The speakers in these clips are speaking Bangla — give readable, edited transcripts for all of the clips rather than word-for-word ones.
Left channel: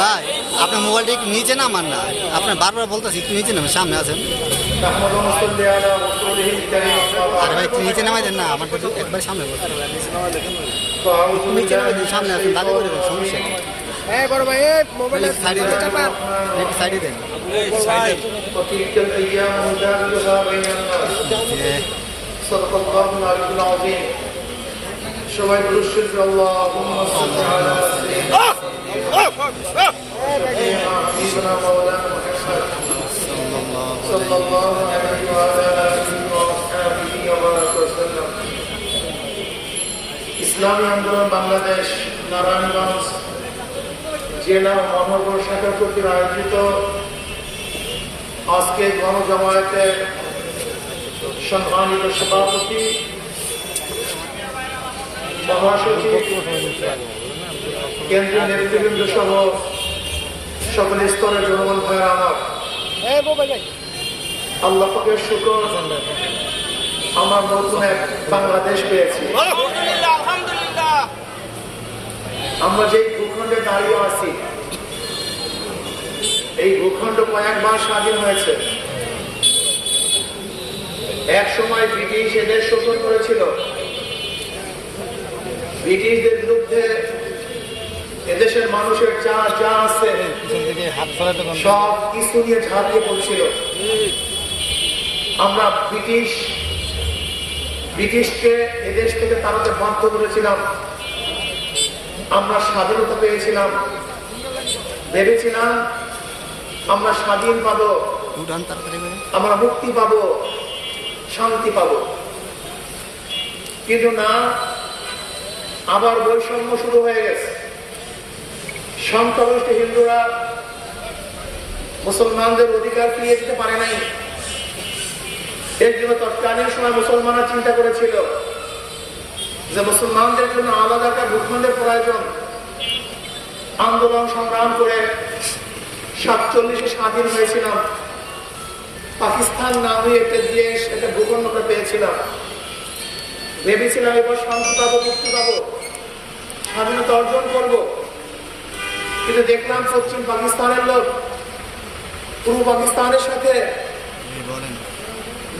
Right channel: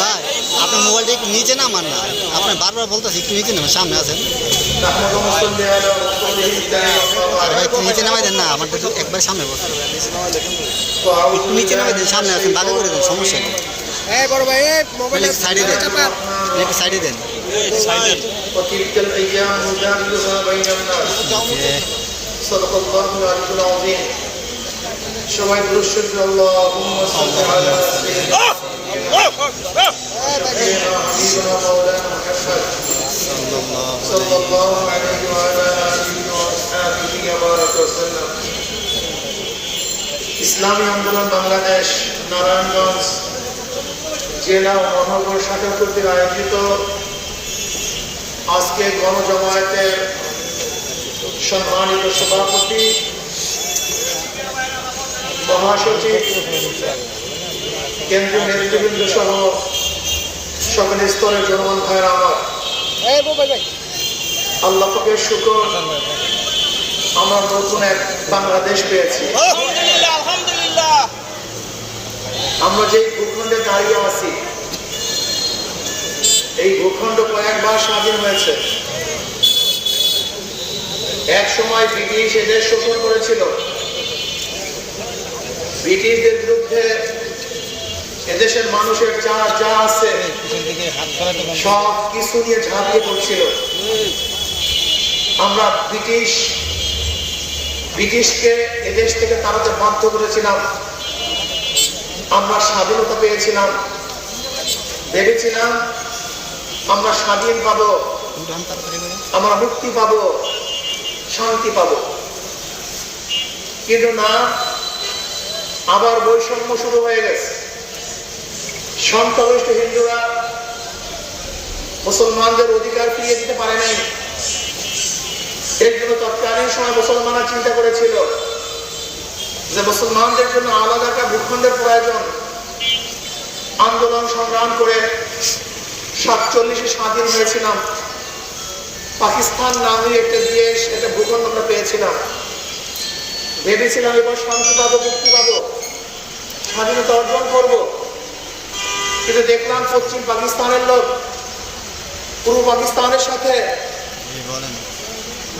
ভাই আপনার মোবাইলটা একটু নিচে নামান না, আপনার বারবার বলতেছি একটু নিচে নামেন, সামনে আছেন। আরে ভাই একটু নিচে নামাই দেন না, আমার তো একবার সামনে বসে একটু নিচে নামাই দেন, সামনে আছেন, ভালো করে দেন, সমস্যা নেই। বড় ভাই মোবাইলের সাইডে দেন, একটু সাইডে দেন। সবাই দুরূদ আল্লাহুম্মা সাল্লি আলা সাইয়্যিদিনা হাবিবিনা মাওলানা মুহাম্মদ সাল্লাল্লাহু আলাইহি ওয়া আলা আলিহি ওয়া আসহাবিহি ওয়া বারাকা ওয়াসাল্লাম। ইসলামী আন্দোলন বাংলাদেশ নারায়ণগঞ্জ জেলা ও মহানগর শাখা কর্তৃক আয়োজিত আজকে গণজমায়েতের সম্মানিত সভাপতি, মহাসচিব, কেন্দ্রীয় নেতৃবৃন্দ সহ সকল স্তরের জনগণ ভাইয়েরা আমার, আল্লাহ পাকের শুকর, আমরা নতুন এক বাংলাদেশ পেয়েছি। আমরা যে ভূখণ্ডে দাঁড়িয়ে আছি, এই ভূখণ্ড কয়েকবার স্বাধীন হয়েছে। এক সময় ব্রিটিশ এদের শোষণ করেছিল, ব্রিটিশদের বিরুদ্ধে এদেশের মানুষের যা যা আছে সব কিছু নিয়ে ঝাঁপিয়ে পড়ছিল। আমরা ব্রিটিশকে এদেশ থেকে তাড়াতে বাধ্য করেছিলাম। আমরা স্বাধীনতা পেয়েছিলাম, ভেবেছিলাম আমরা স্বাধীন পাবো, আমরা মুক্তি পাবো, শান্তি পাবো, কিন্তু না, আবার বৈষম্য শুরু হয়ে গেছে। সংখ্যাগরিষ্ঠ হিন্দুরা মুসলমানদের অধিকার ফিরিয়ে দিতে পারে নাই। এর জন্য তৎকালীন সময় মুসলমানরা চিন্তা করেছিল যে মুসলমানদের জন্য আলাদা একটা ভূখণ্ডের প্রয়োজন। আন্দোলন সংগ্রাম করে 47 স্বাধীন হয়েছিলাম। পাকিস্তান নামে একটা দেশ, একটা ভূখণ্ড আমরা পেয়েছিলাম। ভেবেছিলাম এবার শান্তি পাবো, মুক্তি পাবো, স্বাধীনতা অর্জন করব। কিন্তু দেখলাম পশ্চিম পাকিস্তানের লোক পূর্ব পাকিস্তানের সাথে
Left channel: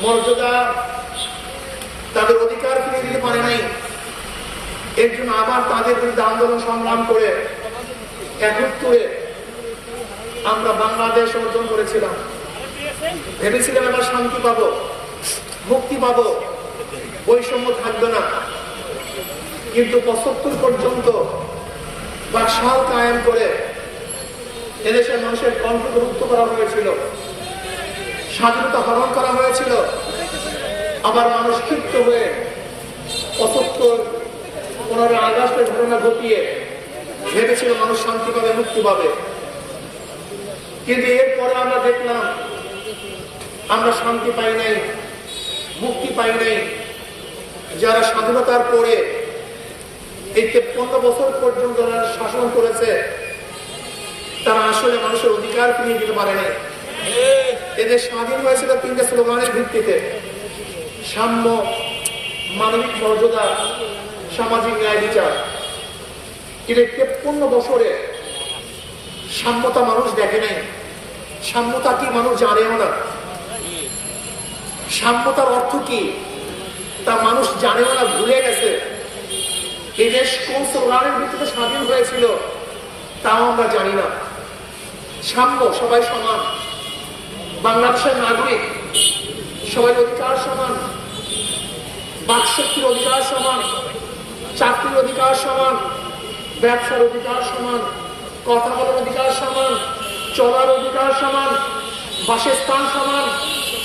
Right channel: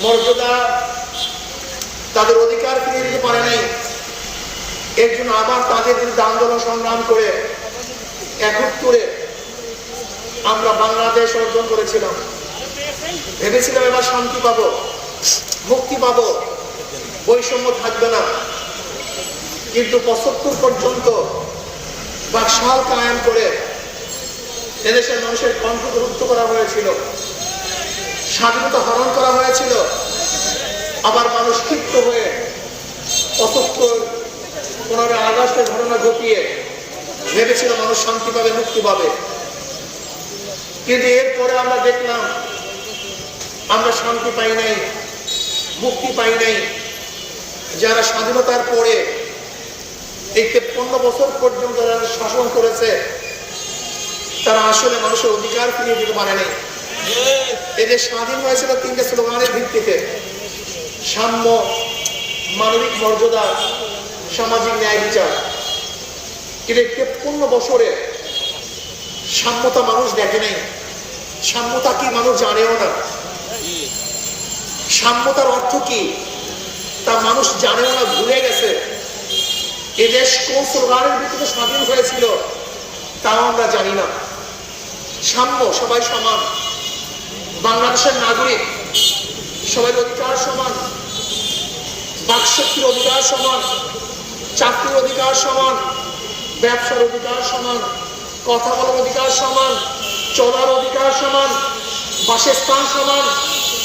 মর্যাদা, তাদের অধিকার ফিরিয়ে দিতে পারে নাই। এর জন্য আবার তাদের বিরুদ্ধে আন্দোলন সংগ্রাম করে 71 আমরা বাংলাদেশ অর্জন করেছিলাম। ভেবেছিলাম এবার শান্তি পাবো, মুক্তি পাবো, বৈষম্য থাকবে না। কিন্তু 75 পর্যন্ত বাকশাল কায়েম করে এদেশের মানুষের কণ্ঠকে রুদ্ধ করা হয়েছিল, স্বাধীনতা হরণ করা হয়েছিল। আবার মানুষ ক্ষিপ্ত হয়ে 15 আগস্টের ঘটনা ঘটিয়ে ভেবেছিল মানুষ শান্তি পাবে, মুক্তি পাবে। কিন্তু এরপরে আমরা দেখলাম আমরা শান্তি পাই নাই, মুক্তি পাই নাই। যারা স্বাধীনতার পরে এই 53 বছর পর্যন্ত যারা শাসন করেছে, তারা আসলে মানুষের অধিকার ফিরিয়ে দিতে পারে নাই। এদের স্বাধীন হয়েছিল 3টে স্লোগানের ভিত্তিতে: সাম্য, মানবিক মর্যাদা, সামাজিক ন্যায় বিচার। কিন্তু 53 বছরে সাম্যতা মানুষ দেখে নাই। সাম্যতা কি মানুষ জানেও না। সাম্যতার অর্থ কি তা মানুষ জানেও না, ভুলে গেছে। এই দেশ কোন স্লোগানের ভিত্তিতে স্বাধীন হয়েছিল তাও আমরা জানি না। সাম্য, সবাই সমান, বাংলাদেশের নাগরিক, সবাই অধিকার সমান, বাকশক্তির অধিকার সমান, চাকরির অধিকার সমান, ব্যবসার অধিকার সমান, কথা বলার অধিকার সমান, চলার অধিকার সমান, বাসস্থান সমান,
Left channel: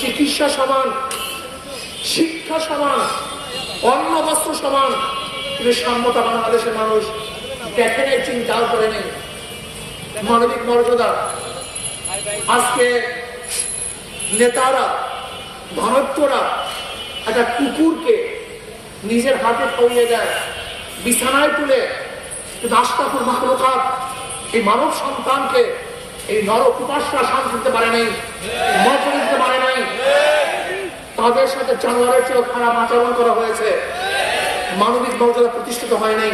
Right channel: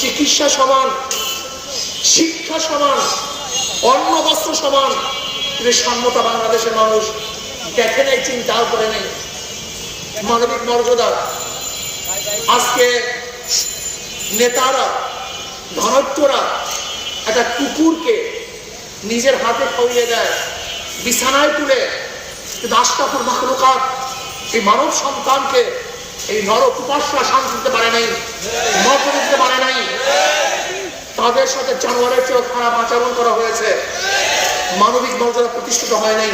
চিকিৎসা সমান, শিক্ষা সমান, অন্ন বস্ত্র সমান। কিন্তু সাম্যতা বাংলাদেশের মানুষ দেখে নেই, চিন্তাও করে নেই। মানবিক মর্যাদা, আজকে নেতারা, ধনত্বরা একটা কুকুরকে নিজের হাতে খাইয়ে দেয়, বিছানায় তুলে। কিন্তু আশরাফুল মাখলুকাত, এই মানব সন্তানকে, এই নর কুপাসরা শান্তি দিতে পারে নাই, মর্যাদা দিতে পারে নাই। তাদের সাথে জানোয়ারের চেয়েও খারাপ আচরণ করা হয়েছে। মানবিক মর্যাদা প্রতিষ্ঠিত হয় নাই।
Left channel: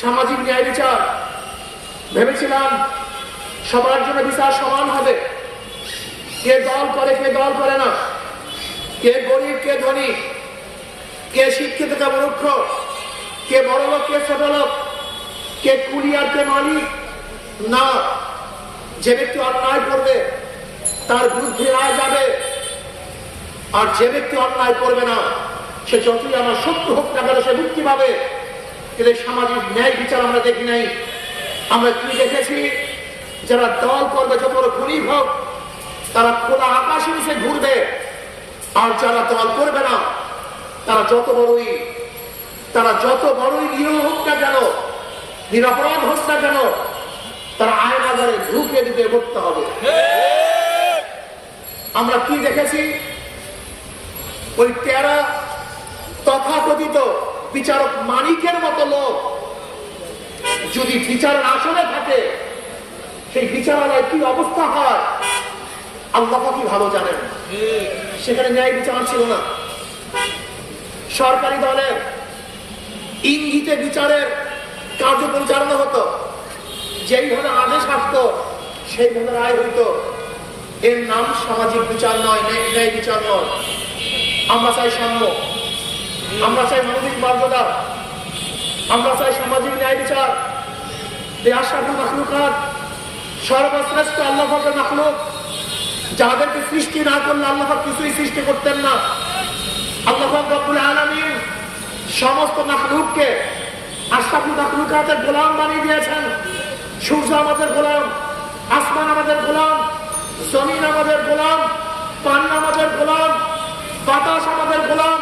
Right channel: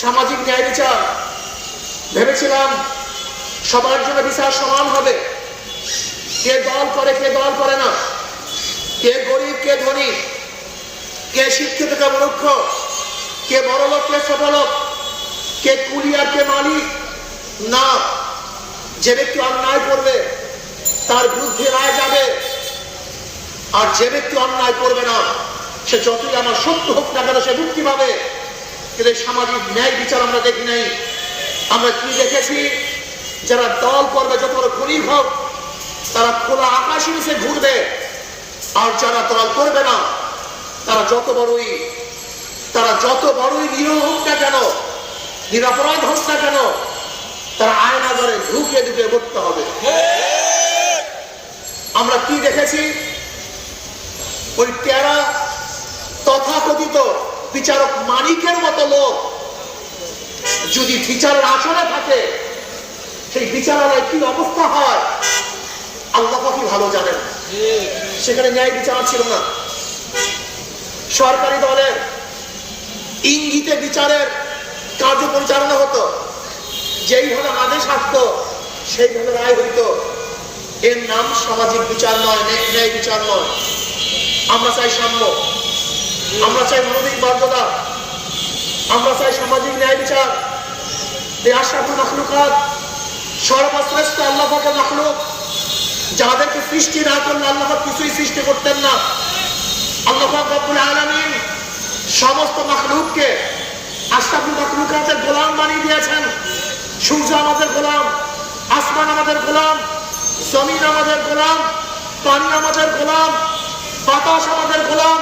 সামাজিক ন্যায় বিচার ভেবেছিলাম সবার জন্য বিচার সমান হবে, কে দল করে কে দল করে না, কে গরিব কে ধনী, কে শিক্ষিত কে মূর্খ, কে বড় লোক কে ছোট লোক, কে কুলি আর কে মালিক। না, যে ব্যক্তি অন্যায় করবে তার বিরুদ্ধে রায় যাবে, আর যে ব্যক্তি অন্যায় করবে না সে যতই আমার শত্রু হোক না কেন সে মুক্তি পাবে। কিন্তু সামাজিক ন্যায় বিচার আমরা দেখি নাই। আমরা কি দেখেছি, যারা দল করবে যত বড় খুনি হোক তারা খোলা আকাশের নিচে ঘুরবে, আর যারা দল করবে না তারা যত বড়ই নিরীহ হোক না কেন, নিরপরাধ হোক না কেন, তারা আয়না ঘরে ঢুকে ঢুকে মরতে হবে। আমরা কি দেখেছি, ওই 13 তথাকথিত বিচারক মানিকের মতো লোক যদি বিচারের আসনে থাকে, সেই বিচারালয় কি অবস্থা হয় আল্লাহ কি ভালো জানেন। সেখানে ন্যায় বিচার ছিল না। সরকারি দলের ইঙ্গিতে বিচারের কার্য পরিচালনা হতো, যেইভাবে আদেশ আসতো সেইভাবে রায় হইত। এর নাম সামাজিক বিচার নয়, ন্যায় বিচার নয়। আমরা চাই সাম্য, আমরা চাই মানবিক মর্যাদা, আমরা চাই সামাজিক ন্যায় বিচার। এই আশরাফুল মাখলুকাত সর্বশ্রেষ্ঠ আল্লাহ পাকের মাখলুক, যাদেরকে সৃষ্টি না করলে আল্লাহ পাক কিছুই সৃষ্টি করতেন না। আল্লাহ পাক রব্বুল আলামিন সমস্ত মাখলুককে আশরাফুল মাখলুকাতের গোলাম বানিয়ে দিয়েছেন। সূর্য আমাদের গোলাম, আসমান আমাদের গোলাম, জমিন আমাদের গোলাম, পানি আমাদের গোলাম, বাতাস আমাদের গোলাম,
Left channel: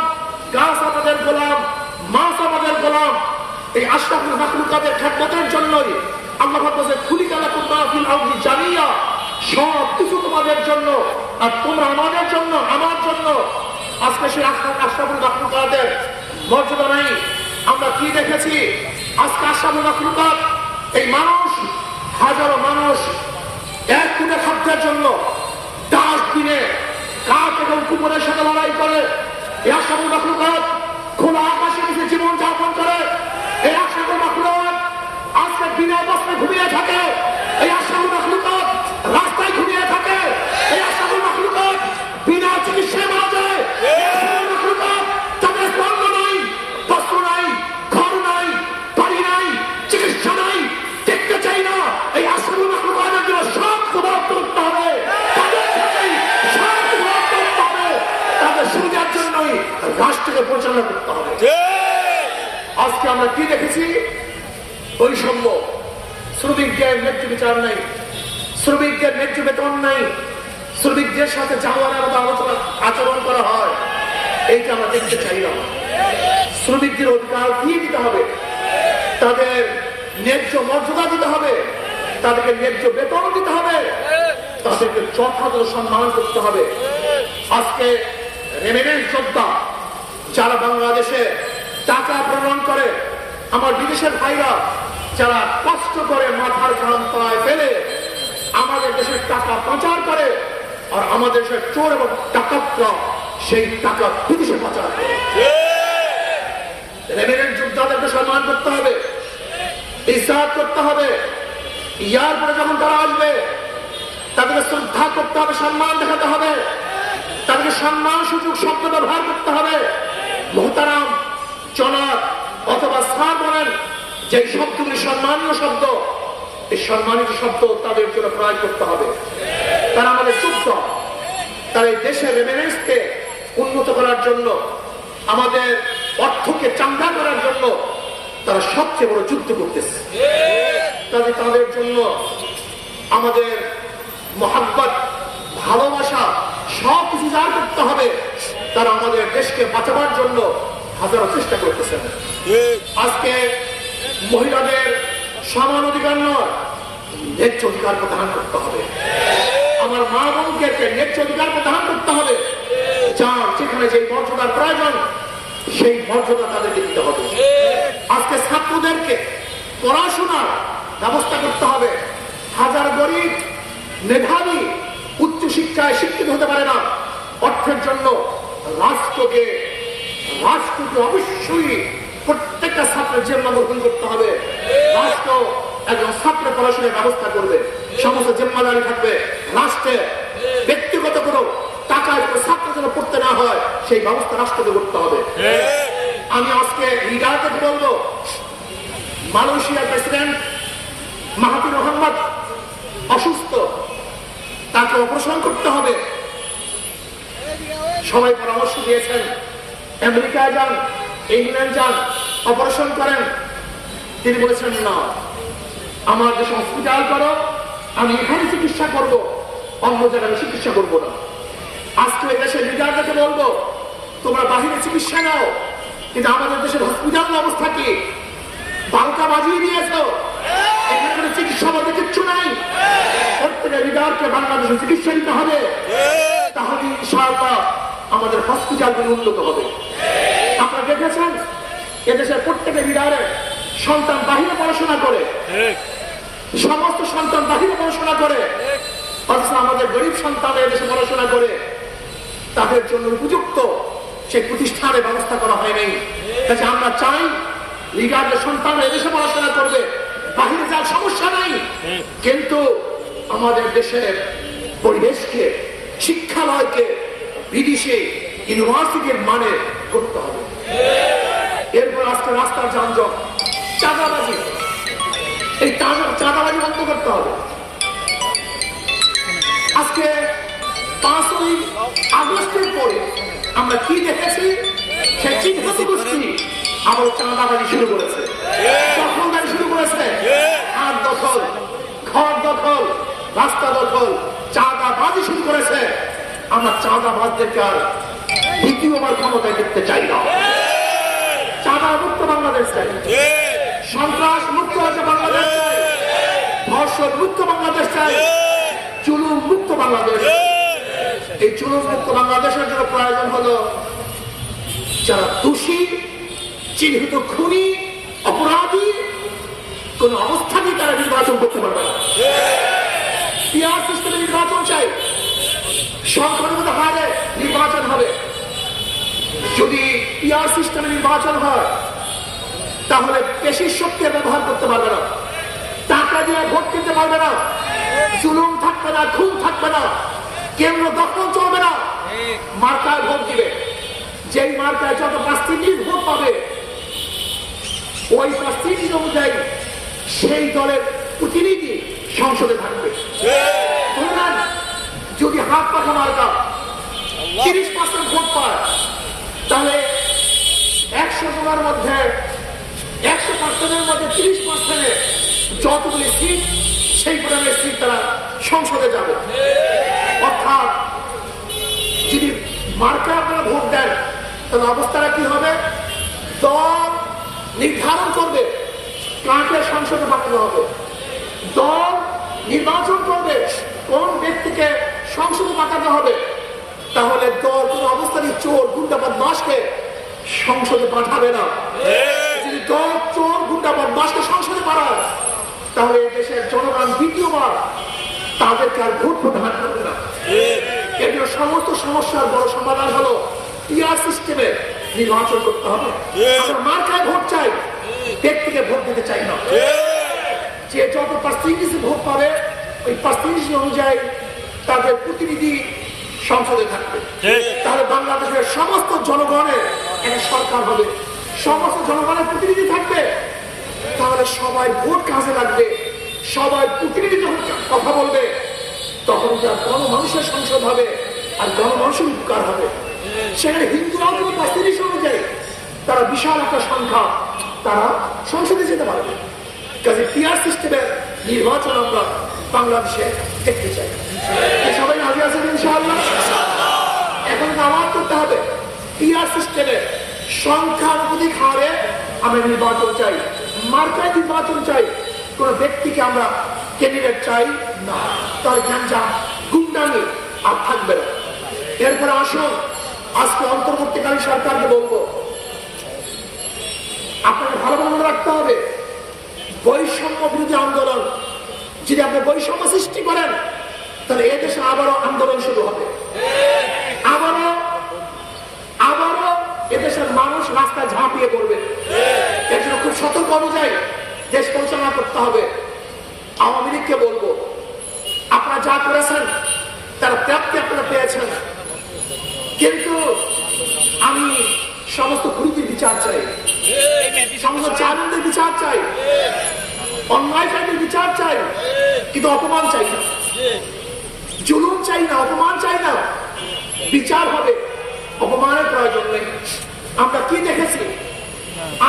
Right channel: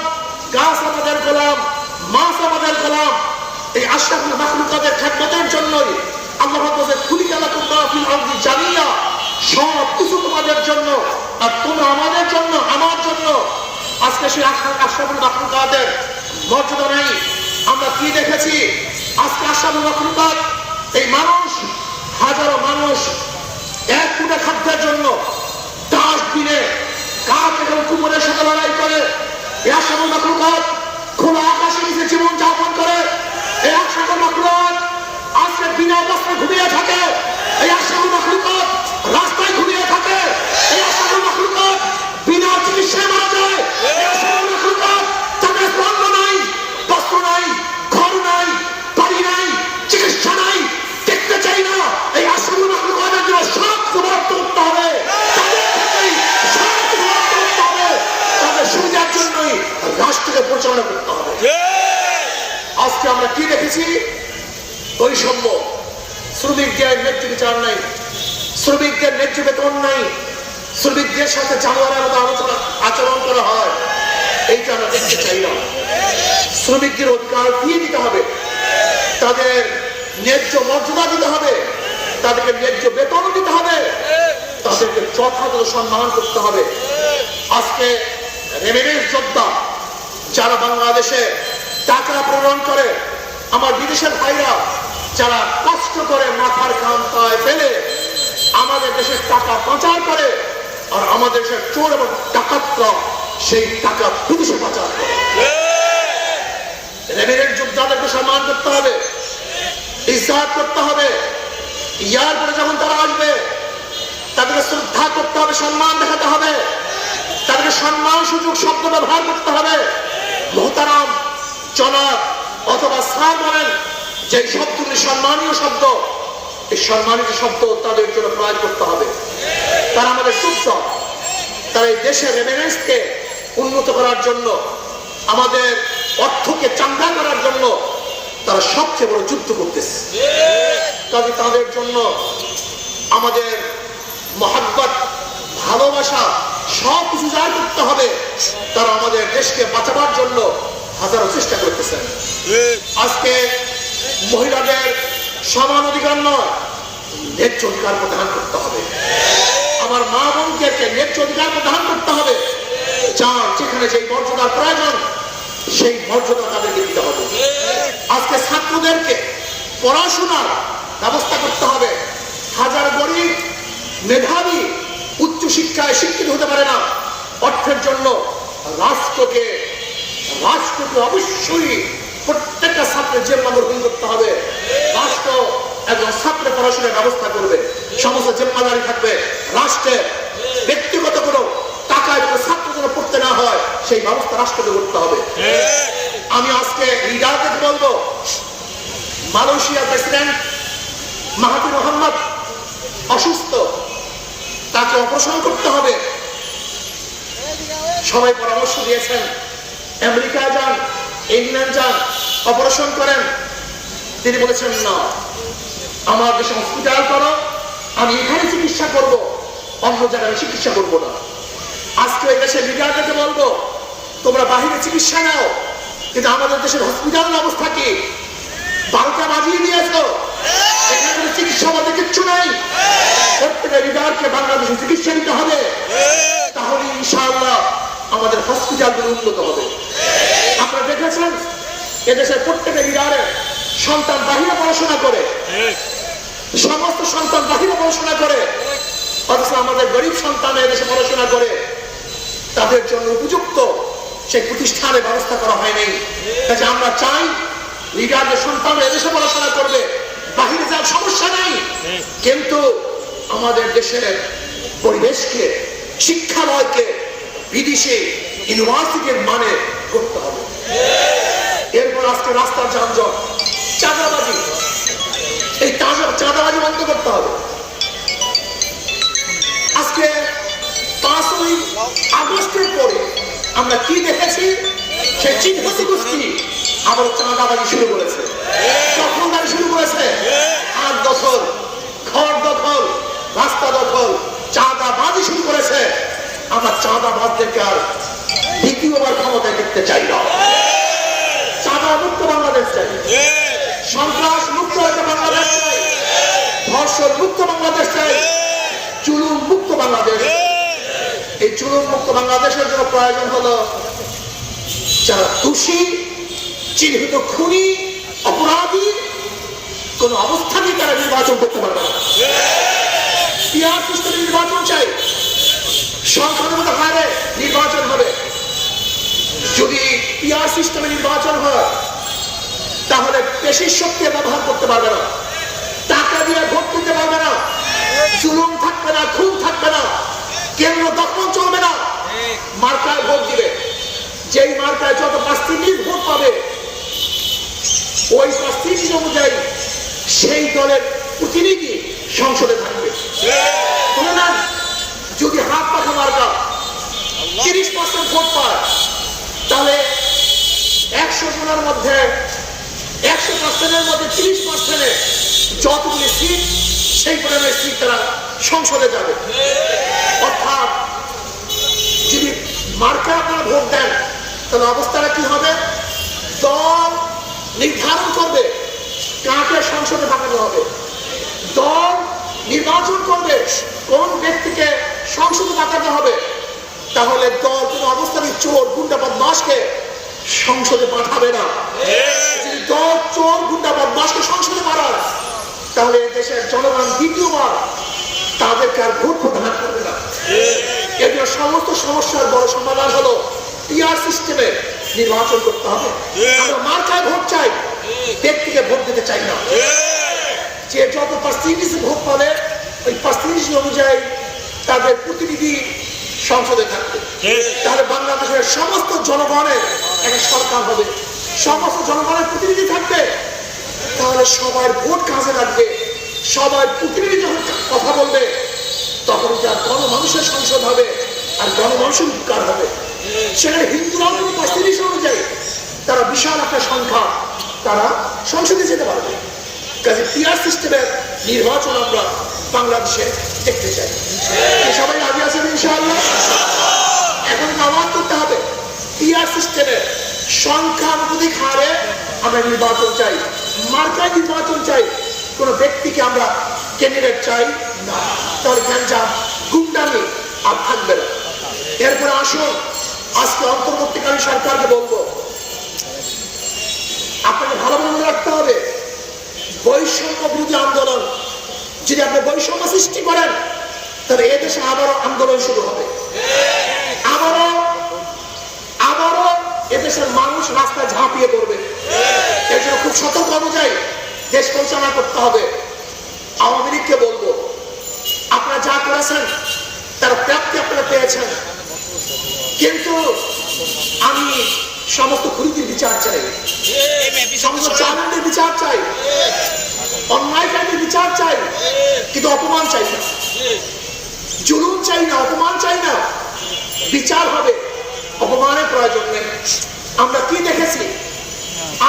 গাছ আমাদের গোলাম, মাছ আমাদের গোলাম। এই আশরাফুল মাখলুকাতের খেদমতের জন্যই আল্লাহ পাক বলেন খুলিকা লাকুম মা ফিল আরদি জামিয়া, সব কিছু তোমাদের জন্য আর তোমরা আমাদের জন্য, আমার জন্য। আজকে সেই আশরাফুল মাখলুকাতের মর্যাদা নাই। আমরা কি দেখেছি, আজকে আশরাফুল মাখলুকাত এই মানুষ, হাজারো মানুষ এক ফুটে খাদ্যের জন্য 10 দিনে কাক এবং কুকুরের সাথে লড়াই করে। এই আশরাফুল মাখলুকাত খোলা আকাশের নিচে জীবন যাপন করে। এই আশরাফুল মাখলুকাত আজকে বিনা বস্ত্রে ঘুমিয়ে থাকে। এই আশরাফুল মাখলুকাত রাস্তায় ঘুমিয়ে থাকে। এই আশরাফুল মাখলুকাত বিনা চিকিৎসায় মারা যায়। এই আশরাফুল মাখলুকাত তাদের স্বর্ণ নাই, বস্ত্র নাই, ঘর নাই, বাড়ি নাই, চিকিৎসা নাই, দেখতে চাই না। এই আশরাফুল মাখলুকাতের জন্য সব সমাপ্ত করতে হবে, তাদের থেকেই সব সমাপ্ত করতে হবে, তাদের সুবিধার জন্যই রাষ্ট্রকে পরিচালনা করতে হবে। আজকে আমরা কি দেখেছি, বৈষম্য, শ্রমিকদের ন্যায্য বিচার নাই, শ্রমিকদের ন্যায্য বেতন নাই, শ্রমিকদের সাথে জানোয়ারের মতো আচরণ করা হয়। এইটা আমরা দেখতে চাই না। শ্রমিকদের অধিকার দিয়ে দিতে হবে, তাদের ন্যায্য মর্যাদা দিতে হবে, তাদেরকে ন্যায্য বেতন দিতে হবে, তাদেরকে যথাযথ সম্মান করতে হবে। আজকে রেমিটেন্স যোদ্ধা যারা বাংলাদেশে টাকা প্রেরণ করে, আমার বিদেশের ভাইরা যারা কষ্ট করে মাথার ঘাম পায়ে ফেলে আমাদের দেশের টাকা পাচার করে, আর আমাদের দেশের চোর এবং ডাকাতরা সেই টাকা বিদেশে পাচার করে। রেমিটেন্স যোদ্ধাদেরকে সম্মান করতে হবে, ইজ্জত করতে হবে। ইয়ার পরে যখন তারা আসবে তাদেরকে শ্রদ্ধা করতে হবে, সম্মান দেখাতে হবে, তাদেরকে সম্মান সুযোগ শব্দ ব্যবহার করতে হবে। মোহতারাম, জনাব অথবা স্যার বলেন, যে শব্দগুলি সম্মানীয় শব্দ, এই সম্মানিত শব্দ তাদের জন্য প্রয়োগ করতে হবে। তারা আমাদের যোদ্ধ, তারা এই দেশের রেমিটেন্সকে উন্নত করার জন্য, আমাদের অর্থকে চাঙ্গা করার জন্য তারা সবচেয়ে বড় যুদ্ধ করতেছে। কাজে তাদের জন্য আমাদের মহাব্বত, ভালোবাসা সব কিছু জায়গা করতে হবে। তারা আমাদের দেশকে বাঁচাবার জন্য হাজারো চেষ্টা করতেছেন। আজকে মহিলাদের সমান অধিকার নয়, ন্যায্য অধিকার প্রদান করতে হবে। আমার মা বোনদেরকে ন্যায্য অধিকার প্রদান করতে হবে। যার যেখানে যেই মর্যাদার প্রয়োজন সেই মর্যাদা তাদেরকে দিতে হবে। আজকে ছাত্রদেরকে পড়াশোনার ব্যবস্থা করতে হবে। হাজার গরিব মেধাবী উচ্চ শিক্ষায় শিক্ষিত হতে পারে না, অর্থের জন্য রাষ্ট্রকে অবশ্যই প্রত্যেকটা ছাত্রের জিম্মা গ্রহণ করতে হবে। রাষ্ট্র একজন ছাত্রের পড়াশোনার ব্যবস্থা করবে, সমস্ত জিম্মাদারি থাকবে রাষ্ট্রের। ব্যক্তিগত কোনো টাকায় কোনো ছাত্র যেন পড়তে না হয় সেই ব্যবস্থা রাষ্ট্রকে করতে হবে। আমি আজকে লিডারদের বলবো, মালয়েশিয়ার প্রেসিডেন্ট মাহাথির মোহাম্মদ অসুস্থ, তাকে অপারেশন করতে হবে। সবাই পরামর্শ দিয়েছেন আমেরিকায় যান, ইংল্যান্ড যান, অপারেশন করেন। তিনি বলেছেন না, আমার দেশে হসপিটাল করো, আমি এখানে চিকিৎসা করব, অন্য জায়গায় আমি চিকিৎসা করবো না। আজকে এই দেশের লিডারদেরকে বলবো, তোমরা বাহিরে চিকিৎসা নাও, কিন্তু আমাদের দেশের হসপিটালের অবস্থা কি? 12টা বাজিয়ে দিয়েছো, এখানে কোনো চিকিৎসা বলতে কিচ্ছু নাই। প্রত্যেকের লিডারকে বাংলাদেশে চিকিৎসা নিতে হবে, তাহলে ইনশাআল্লাহ আমাদের হসপিটালগুলো উন্নত হবে। আপনারা দেখেছেন এদেশের প্রত্যেকের লিডারের সন্তান বাহিরে পড়াশোনা করে, সমস্ত সন্তান বাহিরে পড়াশোনা করে, অথচ আমাদের গরিব সন্তান এদেশে পড়াশোনা করে, তাদের জন্য উপযুক্ত সেই প্রতিষ্ঠানের ব্যবস্থা করা হয়নি। কাজে আমরা চাই লিডারদের সন্তান এদেশে পড়াশোনা করবে, বাহিরে যাওয়ার সমস্যা নাই, কিন্তু আমাদের দেশের পরিবেশকে, শিক্ষালয়কে বিদেশে ইউনিভার্সিটির মানে করতে হবে। এরপর আজকে রাস্তার যানজট, চাঁদাবাজি, এই চাঁদাবাজি বন্ধ করতে হবে। আজকে 5ই আগস্টের পরে আমরা কি দেখেছি? সে চিহ্নিত গোষ্ঠী আবার চাঁদাবাজি শুরু করেছে, দখলদারি শুরু করেছে, হাট দখল, ঘর দখল, রাস্তা দখল, চাঁদাবাজি শুরু করেছে। আমরা চাঁদাবাজদেরকে আর দ্বিতীয়বার ক্ষমতায় দেখতে চাই না। চাঁদা মুক্ত বাংলাদেশ চাই, সন্ত্রাস মুক্ত একটা বাংলাদেশ চাই, ধর্ষণ মুক্ত বাংলাদেশ চাই, জুলুম মুক্ত বাংলাদেশ। এই জুলুম মুক্ত বাংলাদেশের জন্য প্রয়োজন হলো যারা দোষী, চিহ্নিত খুনি, অপরাধী, কোন অবস্থাতেই তারা নির্বাচন করতে পারবে না। পিআর সিস্টেমে নির্বাচন চাই, সংখ্যানুপাত হারে নির্বাচন হবে। যদি পিআর সিস্টেমে নির্বাচন হয় তাহলে পেশির শক্তি ব্যবহার করতে পারবে না, টাকা দিয়ে ভোট কিনতে পারবে না, জুলুম থাকবে না, খুন থাকবে না, কেন্দ্র দখল চলবে না, মার্কায় ভোট দিবে। যেই মার্কায় যত পার্সেন্টেজ ভোট পাবে ওই পার্সেন্টেজ অনুযায়ী সেই দলের প্রতিনিধি সংসদে থাকবে। ধরে নেন যদি হাত পাখা মার্কা 30% ভোট পায়, তাহলে 100 জনের মধ্যে 100%-এর মধ্যে 30%-এ যতগুলি সিট, সেই পরিমাণের সিট তারা সংসদে যাবে। অর্থাৎ যদি মার্কা আপনারা ভোট দেন তাহলে অবস্থাটা কি হবে? দল নির্ধারণ করবে কাকে সংসদে পাঠানো হবে, দল নির্বাচন করবে কোন ব্যক্তিকে সংসদে পাঠানো হবে। তাহলে দল কোন অবস্থায় চোর, গুন্ডা, বদমাশকে সংসদে পাঠাবে না। যদি দল চোর, গুন্ডা, বদমাশকে সংসদে পাঠায় তাহলে এই দেশের জনগণ দ্বিতীয়বার তাদেরকে আর ভোট প্রদান করবে না। এগুলো সমস্ত সমস্যার বড় সমাধান হলো পিআর সিস্টেমে নির্বাচন করতে হবে। আমরা মার্কায় ভোট চাই, ব্যক্তিকে ভোট দিতে চাই না। যে যত পার্সেন্টেজ ভোট পাবে ওই পার্সেন্টেজ অনুযায়ী তাদের প্রতিনিধি সংসদে থাকবে। তাহলে বাংলাদেশের সমস্ত জনগণের একটা সরকার হবে, সমস্ত জনগণের প্রতিনিধি থাকবে। তাহলে সবাই ভোট কাজে লাগবে, সবাই প্রতিনিধি যখন কথা বলবে তখন যা গণমানুষের সংসদ হবে আর গণমানুষের উপকার হবে। সেখানে হিন্দুরাও কোনো পার্সেন্টেজ অনুযায়ী তারা বিশাল একটা সংখ্যা তারা সংসদে যেতে পারবে। কাজে পিআর সিস্টেমের নির্বাচন আমরা বাংলাদেশে দেখতে চাই। সবাই রাজি আছেন ইনশাআল্লাহ? এখন আওয়াজ করতে হবে, পিআর সিস্টেমের সংখ্যানুপাতিক হারে আমরা নির্বাচন চাই, মার্কায় নির্বাচন চাই, কোন ব্যক্তিকে আমরা ক্যান্ডিডেট চাই না। তাহলে গ্যাঞ্জাম, গুন্ডামি আর থাকবে না। এরপরে আসুন, আজকে অন্তর্বর্তীকালীন সরকারকে বলবো, আপনাকে ভালোভাবে মনে রাখতে হবে বৈষম্য বিরোধী আন্দোলন। যদি আপনি বৈষম্য সৃষ্টি করেন তাহলে এদেশে আবারও আন্দোলন শুরু হবে। আবারও এদেশের মানুষ রাস্তায় ঝাঁপিয়ে পড়বে। এর জন্য খুব সতর্ক অনুযায়ী দেশ পরিচালনা করতে হবে। আওয়ামী লীগকে বলবো, আপনারা যা করেছেন তার প্রাপ্তি আপনারা পেয়েছেন, কিন্তু আমি সমস্ত খুনিদের বিচার চাই, সমস্ত জালিমদের বিচার চাই, অন্যায়কারীদের বিচার চাই, কিন্তু অপমান চাই না, জুলুম চাই না, অপমান চাই না। বিচার হবে, অপমানের প্রয়োজন নেই। আমরা কি দেখেছি,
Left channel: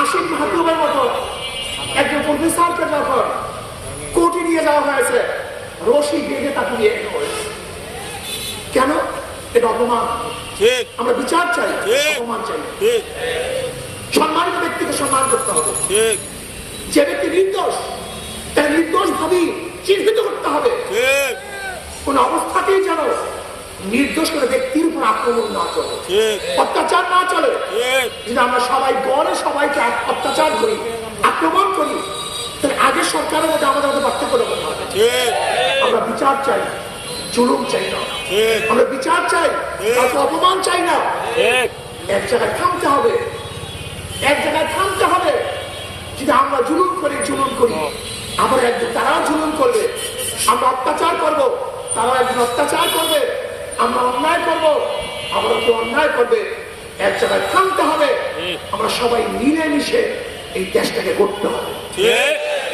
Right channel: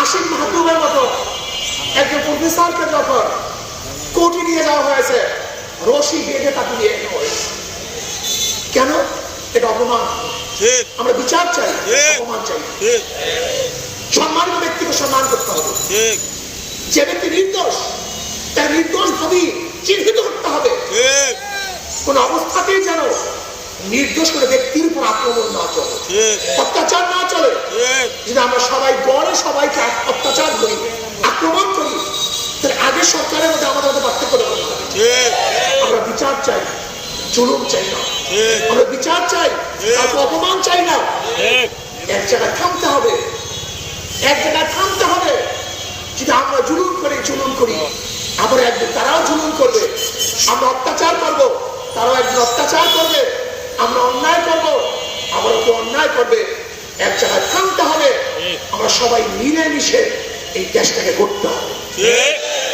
আসিফ মাহবুবের মতো একজন প্রফেসরকে যখন কোর্টে নিয়ে যাওয়া হয়েছে, রশি বেঁধে তাকে নিয়ে আনা হয়েছে। কেন? এটা অপমান। আমরা বিচার চাই, অপমান চাই। সম্মানিত ব্যক্তিকে সম্মান করতে হবে। যে ব্যক্তি নির্দোষ, তাকে নির্দোষ ভাবে চিহ্নিত করতে হবে। কোন অবস্থাতেই যেন নির্দোষ করে ব্যক্তির উপর আক্রমণ না চলে, অত্যাচার না চলে। যদি আমরা সবাই গড়ে সবাইকে অত্যাচার করি, আক্রমণ করি, তাহলে আগের সরকারের মধ্যে আমাদের মধ্যে পার্থক্য হবে। আমরা বিচার চাই, জুলুম চাই না। আমরা বিচার চাই, কাউকে অপমান চাই না। এক জায়গায় থামতে হবে, এক জায়গায় থামতে হবে। যদি আমরা জুলুম করি, আবার একদিন তারাও জুলুম করবে। আমরা অত্যাচার করব, তারাও একদিন অত্যাচার করবে। আমরা অন্যায় করব, আবার কেউ অন্যায় করবে। এক জায়গায় থামতে হবে। আমরা সবাই মিলেমিশে এই দেশটাকে গড়তে হবে,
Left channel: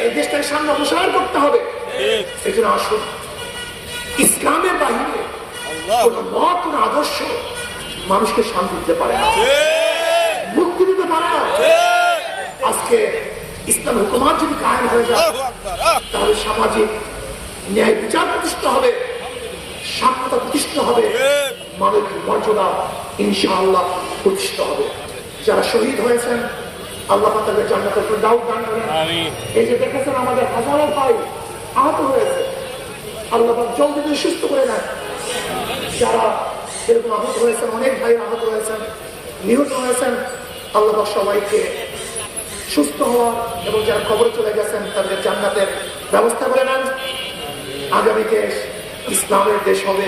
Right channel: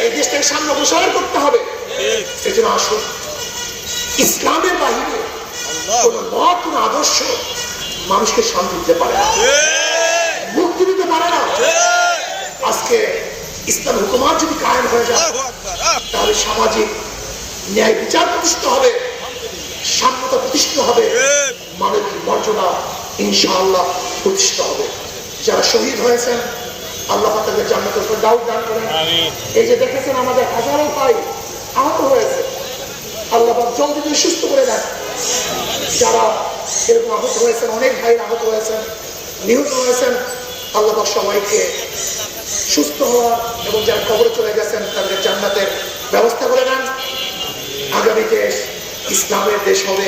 এই দেশটাকে সামনে অগ্রসর করতে হবে। এই জন্য আসুন, ইসলামের বাহিরে কোন মত, কোন আদর্শ মানুষকে শান্তি দিতে পারে না, মুক্তি দিতে পারে না। আজকে ইসলাম হুকুমাত যদি কায়েম হয়ে যায়, তাহলে সামাজিক ন্যায় বিচার প্রতিষ্ঠিত হবে, সাম্যতা প্রতিষ্ঠিত হবে, মানবিক মর্যাদা ইনশাআল্লাহ প্রতিষ্ঠিত হবে। যারা শহীদ হয়েছেন, আল্লাহ পাক তাদের জান্নাতুল ফেরদাউস দান করেন। এই যে দেখেছেন আমাদের হাজারো ভাই আহত হয়েছে, আল্লাহ পাক জলদি করে সুস্থ করে নেন। যারা এরকম আহত হয়েছেন, অনেক ভাই আহত হয়েছেন, নিহত হয়েছেন, আল্লাহ পাক সবাইকে সুস্থ হওয়ার এবং যারা কবরে চলে গেছেন তাদের জান্নাতের ব্যবস্থা করে নেন। আগামী দেশ ইসলামের দেশ হবে,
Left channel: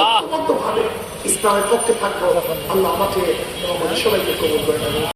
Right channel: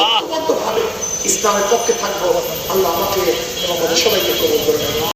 ঐক্যবদ্ধভাবে ইসলামের পক্ষে থাকবো। আল্লাহ আমাকে এবং আমাদের সবাইকে কবুল করে নেন।